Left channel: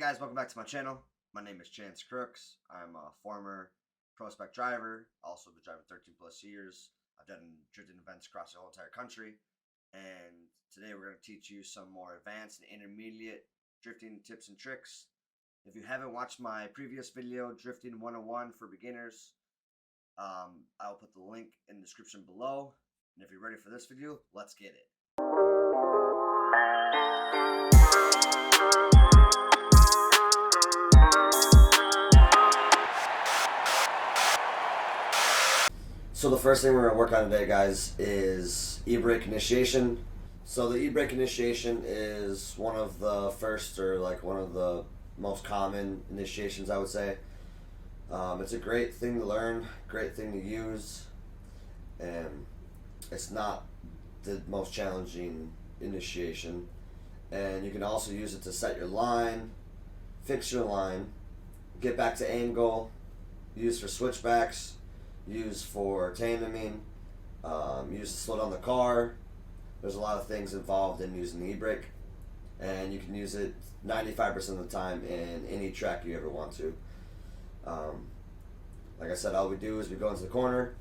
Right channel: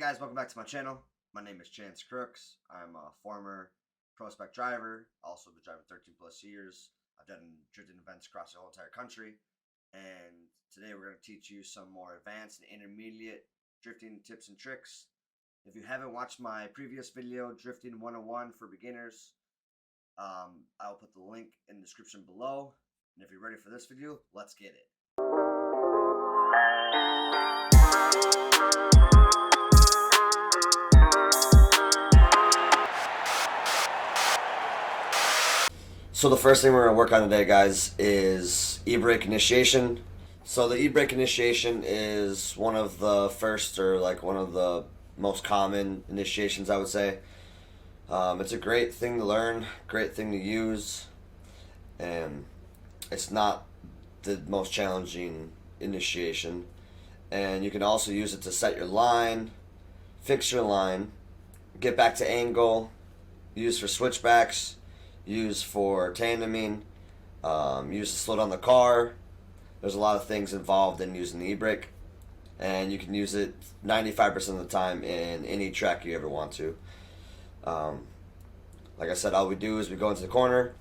guys, welcome back to my channel. My name is Chance Crooks. I'm a former pro spec driver, also been driving 13 plus years. I've done drifting events across the whole entire country, and today we're going to teach you some more advanced and intermediate drifting tips and tricks. If you haven't watched my previous video, Drifting 101 for beginners, I'll put the link in the description below. And if you're ready for this video, let's get it. So the first thing we're going to work on today, guys, is e-brake initiation. So the e-brake initiation is one of the first, or like one of the most common initiations, I would say. It's a great thing to learn, great thing to use, and it's not the most challenging initiation. And you can also use it to set your line, fix your line, get back to angle, use for switchbacks, use for tandeming, use to slow down the car. There's a lot of things involved in using the e-brake, and you can use it 95% of the time in any track you ever want to. Like I said, all we do is we go into the corner.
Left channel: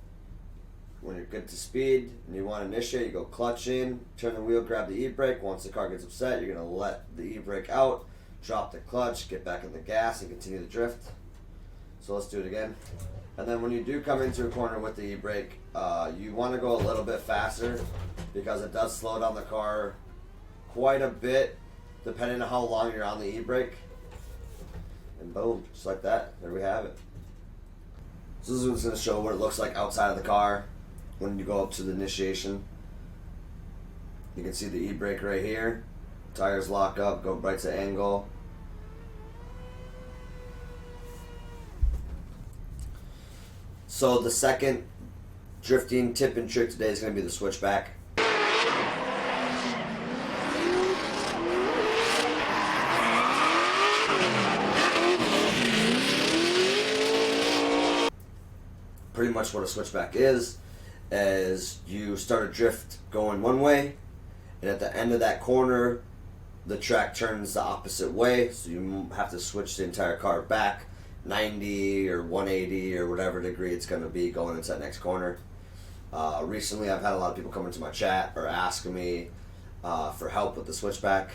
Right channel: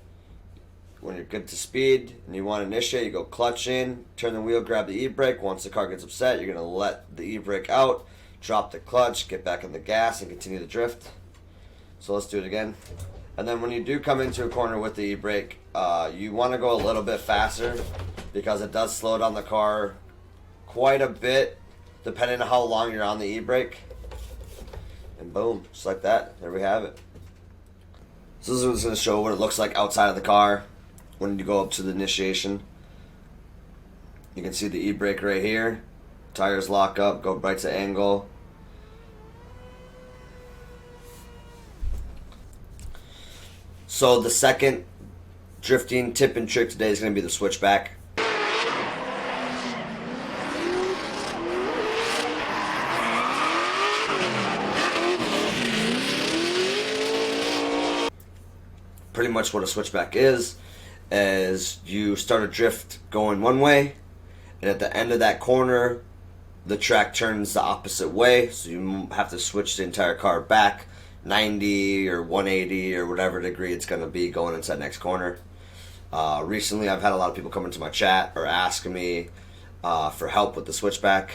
When you're good to speed and you want to initiate, you go clutch in, turn the wheel, grab the e-brake. Once the car gets upset, you're going to let the e-brake out, drop the clutch, get back on the gas, and continue the drift. So let's do it again. And then when you do come into a corner with the e-brake, you want to go a little bit faster because it does slow down the car quite a bit depending on how long you're on the e-brake. And boom, just like that, there we have it. So this is what's going to show what it looks like outside of the car when you go up to the initiation. You can see the e-brake right here. Tires lock up, go right to angle. So the second drifting tip and trick today is going to be the switchback. Pretty much what a switchback is you start a drift going one way, and at the end of that corner the track turns the opposite way, so you have to switch the entire car back 90 or 180 or whatever degree it's going to be going into that next corner. Recently I've had a lot of people come into my chat or asking me for help with the switchback,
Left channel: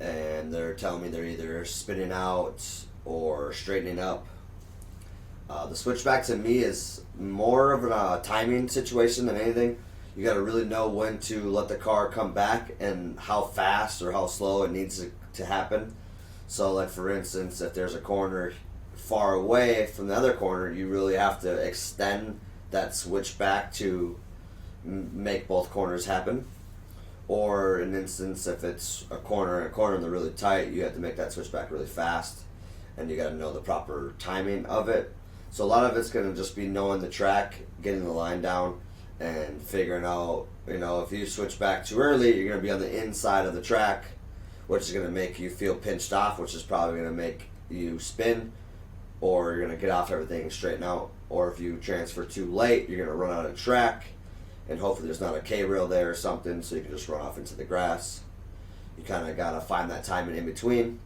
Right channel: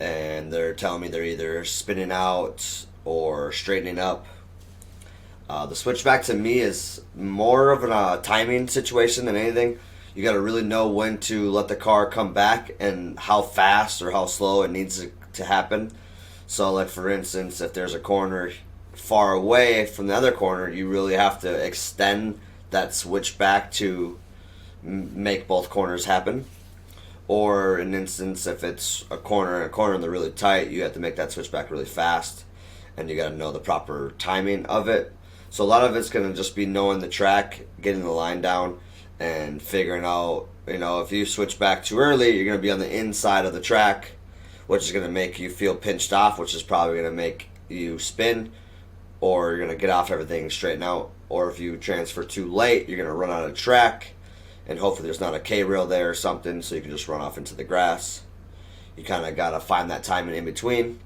and they're telling me they're either spinning out or straightening up. The switchback to me is more of a timing situation than anything. You got to really know when to let the car come back and how fast or how slow it needs to happen. So like for instance, if there's a corner far away from the other corner, you really have to extend that switchback to make both corners happen. Or in instance, if it's a corner and they're really tight, you have to make that switchback really fast, and you got to know the proper timing of it. So a lot of it's going to just be knowing the track, getting the line down, and figuring out, if you switch back too early, you're going to be on the inside of the track, which is going to make you feel pinched off, which is probably going to make you spin, or you're going to get off everything and straighten out. Or if you transfer too late, you're going to run out of track, and hopefully there's not a K-rail there or something, so you can just run off into the grass. You kind of got to find that timing in between.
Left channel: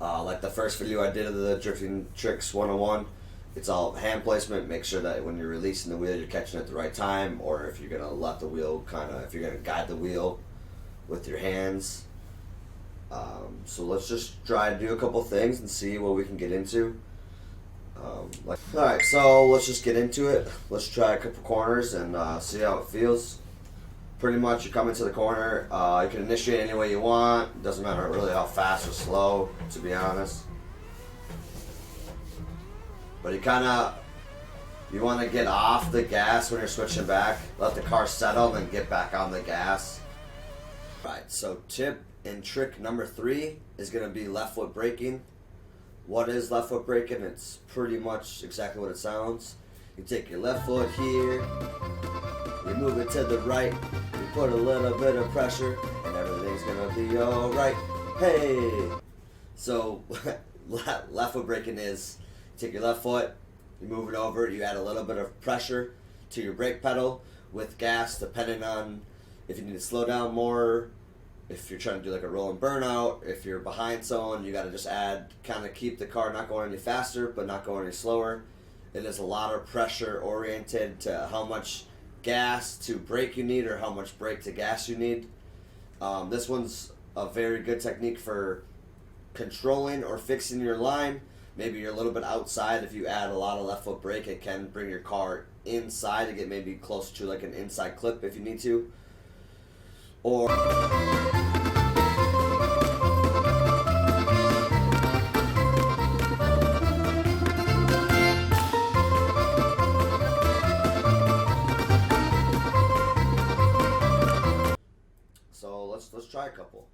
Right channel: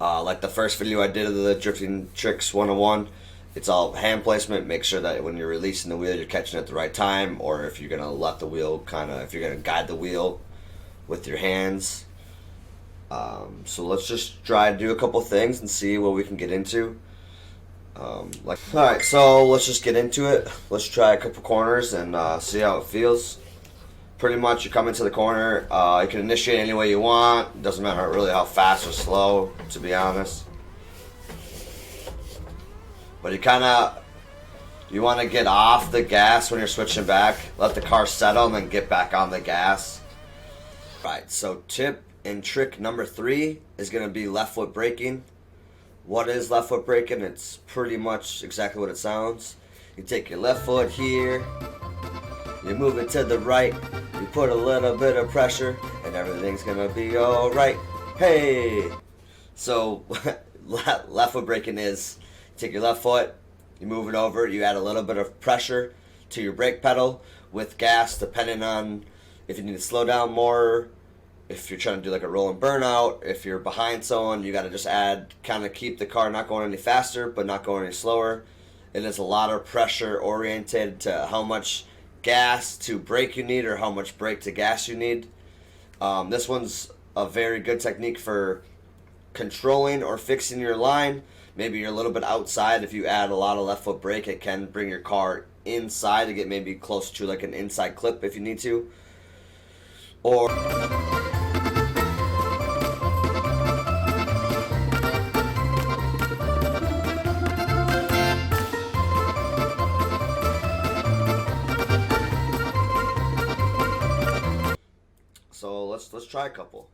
Like the first video I did of the Drifting Tricks 101, it's all hand placement. Make sure that when you're releasing the wheel, you're catching it at the right time, or if you're going to let the wheel if you're going to guide the wheel with your hands. So let's just try to do a couple things and see what we can get into. Alright, so let's just get into it. Let's try a couple corners and see how it feels. Pretty much you come into the corner, you can initiate any way you want. It doesn't matter really how fast or slow, to be honest. But you want to get off the gas when you're switching back. Let the car settle and then get back on the gas. Right, so tip and trick number 3 is going to be left foot braking. What is left foot braking? It's pretty much exactly what it sounds. You take your left foot here, you move it to the right, you put a little bit of pressure, and everything's gonna be alright. Hey! So, left foot braking is, you take your left foot, you move it over, you add a little bit of pressure to your brake pedal with gas, depending on if you need to slow down more, if you're trying to do like a rolling burnout, if you're behind someone, you got to just add, kind of keep the car not going any faster, but not going any slower. It is a lot of pressure oriented to how much gas to brake you need or how much brake to gas you need. This one's a very good technique for controlling or fixing your line. Maybe you're a little bit outside. If you add a lot of left foot brake, it can bring your car inside to get maybe close to like an inside clip if you need to. Or so let's try a couple.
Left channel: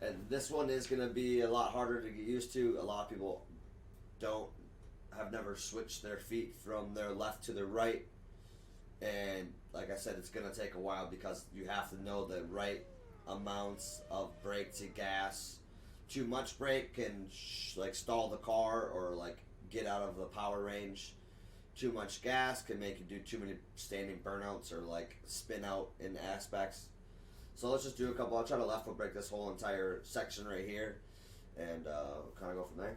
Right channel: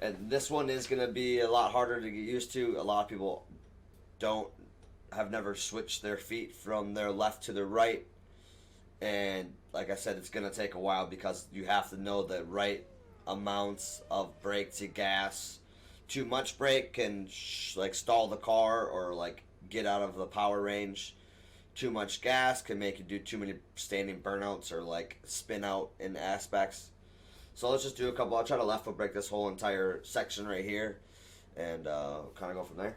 And this one is gonna be a lot harder to get used to. A lot of people don't have never switched their feet from their left to their right, and like I said, it's gonna take a while because you have to know the right amounts of brake to gas. Too much brake can like stall the car or like get out of the power range. Too much gas can make you do too many standing burnouts or like spin out in aspects. So let's just do a couple. I'll try to left foot brake this whole entire section right here, and kind of go from there.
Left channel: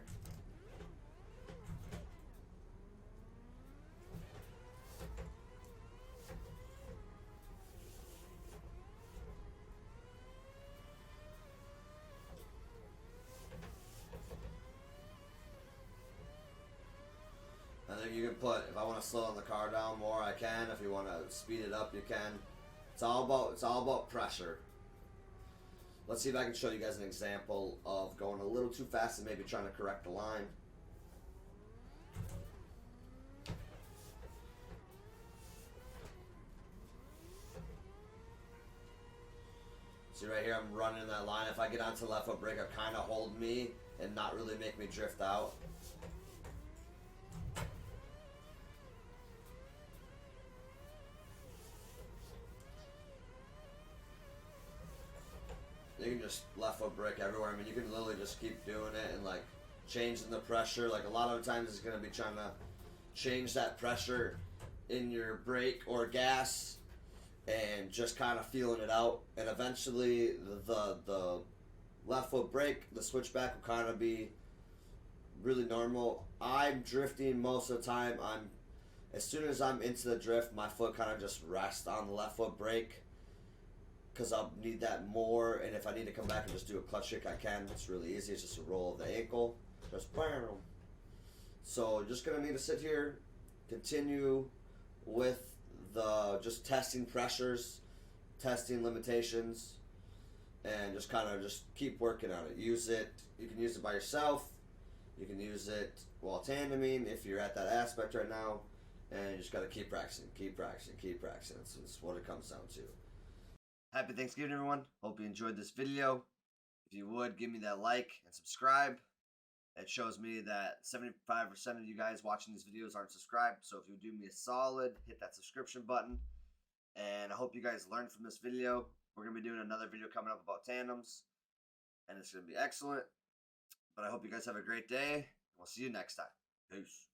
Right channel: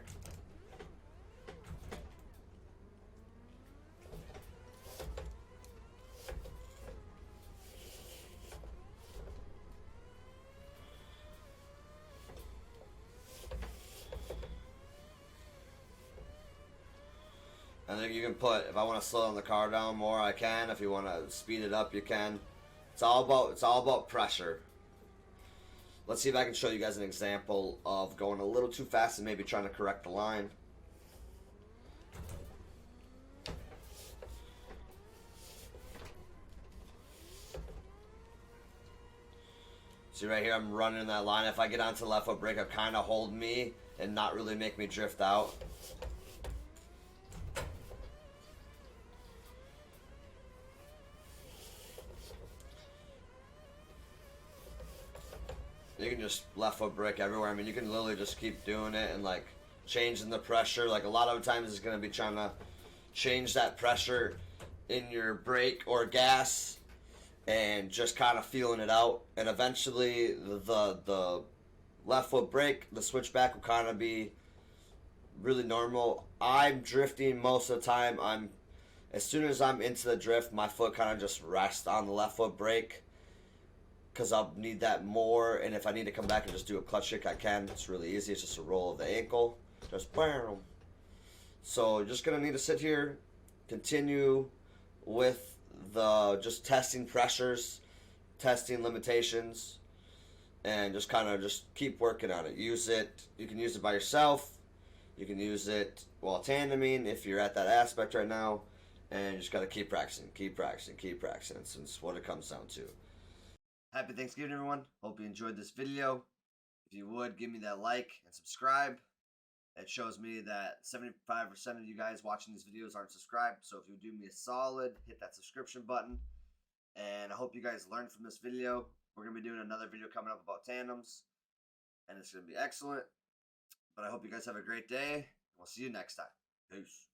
I think you can put, if I want to slow the car down more, I can. If you want to speed it up, you can. It's all about pressure. Let's see if I can show you guys an example of going a little too fast and maybe trying to correct the line. See right here, I'm running that line. If I get onto the left foot brake, it'll kind of hold me and not really make me drift out. You can just left foot brake everywhere. I mean, you can literally just keep doing it and like changing the pressure. Like a lot of times it's going to be trying to change that pressure in your brake or gas and just kind of feeling it out. And eventually the left foot brake, the switchback will kind of be really normal. I'm drifting most of the time. As soon as I'm into the drift, my foot kind of just rests on the left foot brake, because I'll need that more, and if I need to come back and just do a clutch kick, I can. It's really easy. It's just a roll of the ankle. Just bam. So you're just going to need to sit here, continue with the just testing pressures, testing limitations, and just kind of just keep working on it. Use it. You can use it by yourself. You can use it while tandeming if you're at that aspect right now, and you just got to keep practicing, keep practicing, keep practicing. It's what it comes down to. Happy Thanksgiving, everyone. Hope you enjoyed this video. If you would, give me that like and subscribe. It shows me that 75% of you guys watching these videos aren't subscribed. So if you would do me a solid, hit that subscription button. And I hope you guys learned from this video. We're going to be doing another video coming up about tandems, and it's going to be excellent. But I hope you guys have a great day. We'll see you next time. Peace.